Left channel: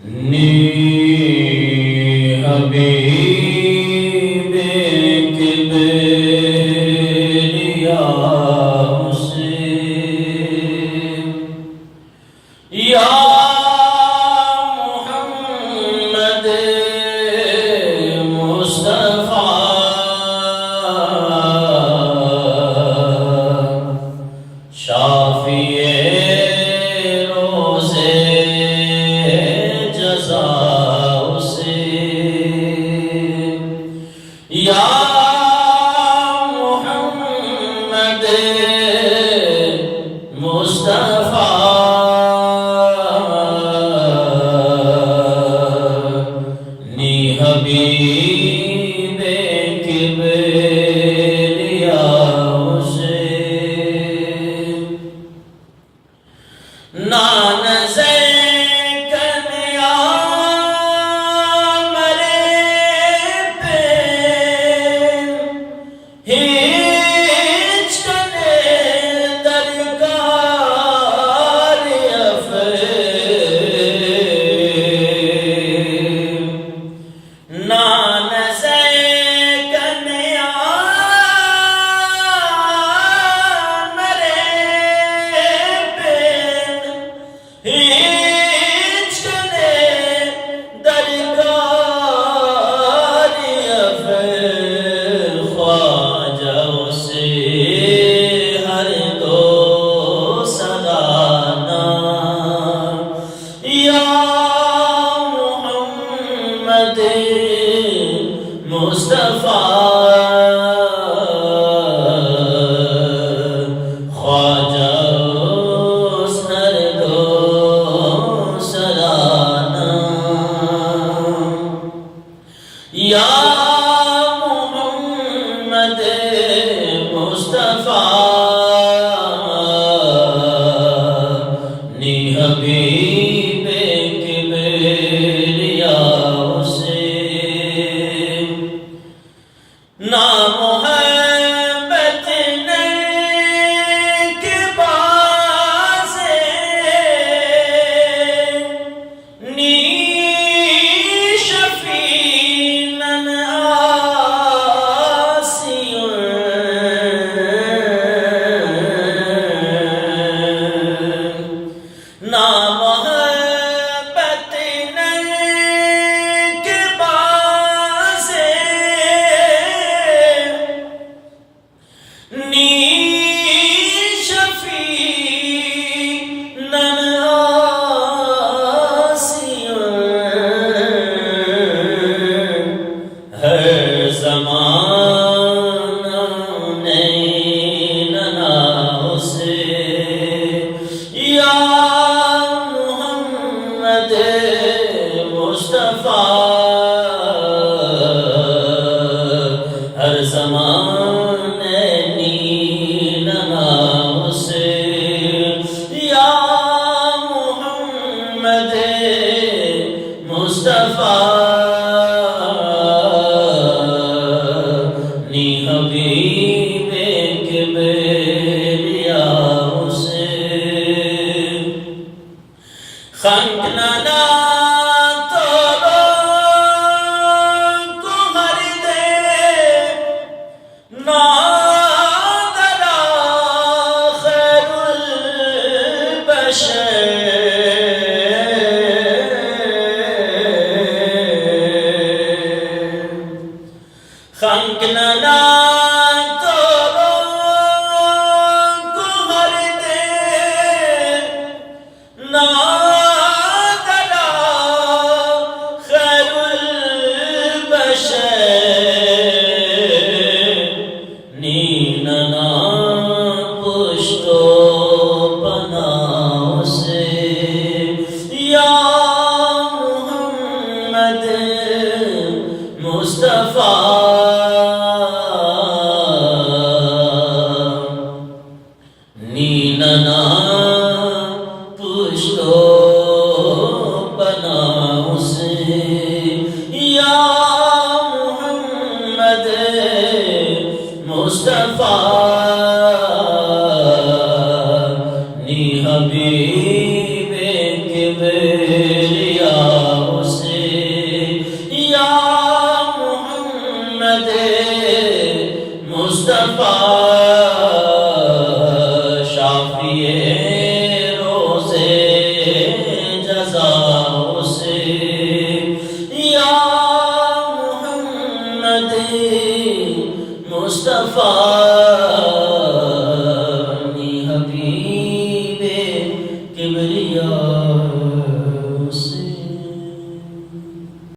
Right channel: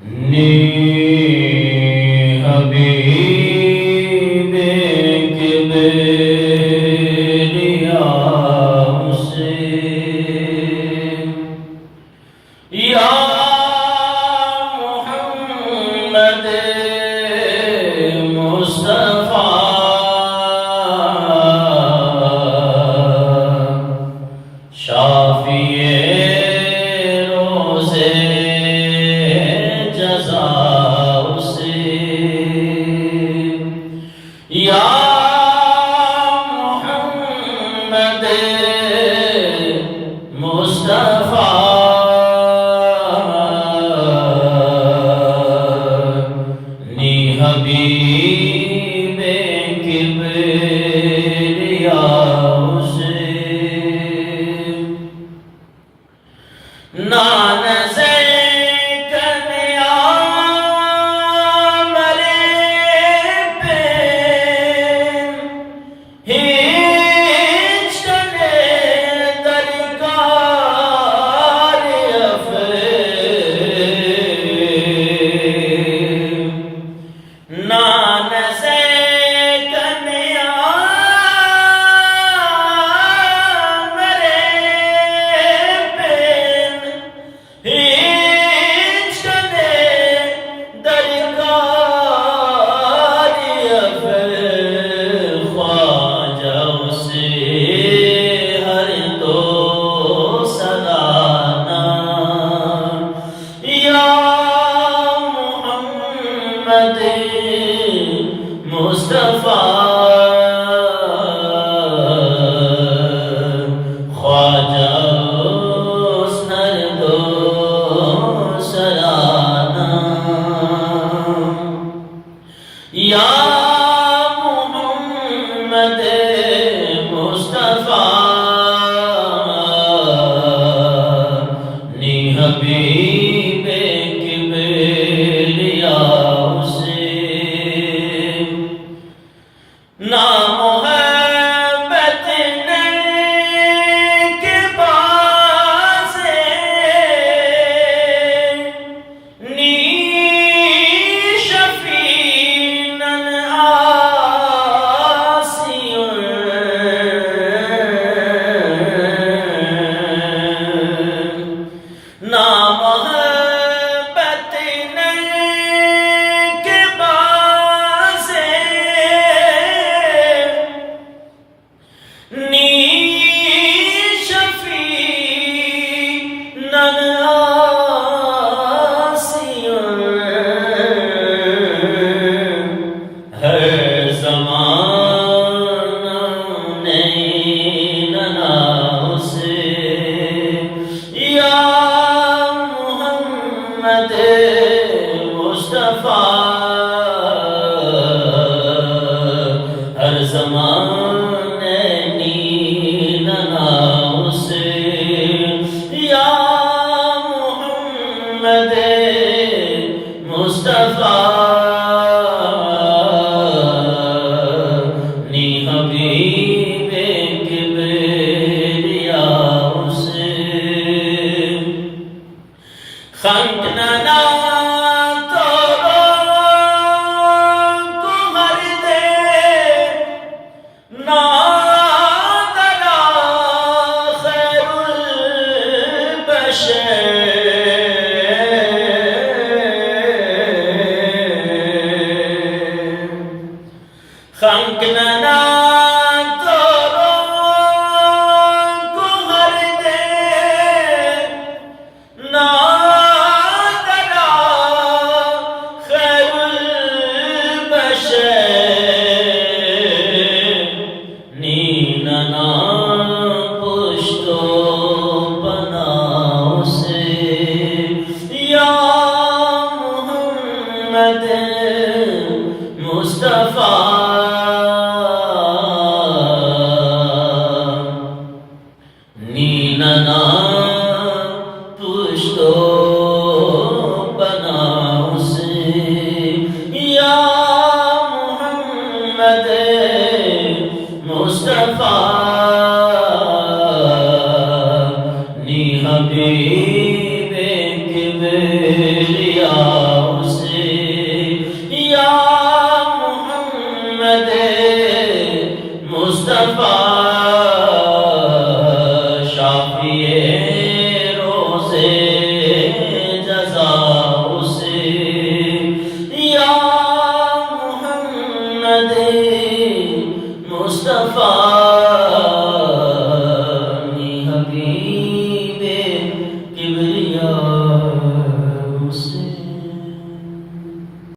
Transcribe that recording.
نی حبیب کبریا حسین یا محمد مصطفیٰ شافی روزے جزا حسین یا محمد مصطفیٰ نی حبیب کبریا حسین نان مصطفیٰ خواجہ ہر دو سرانا یا محمد مصطفیٰ نی حبیب کبریا حسین نا محبت کے بازے نی شفیعن آسیون نا محبت کے بازے نی شفیعن آسیون ہر زمانہ نینا سے یا محمد مصطفیٰ ہر زمانے نینا سے یا محمد مصطفیٰ نی حبیب کبریا حسین خنک ننا تو کو ہر دے نادرا خیر البشر خنک ننا تو کو ہر دے نادرا خیر البشر نیننا پشتو پناہ سے یا محمد مصطفیٰ نیننا پشتو پناہ سے یا محمد مصطفیٰ نی حبیب کبریا صفا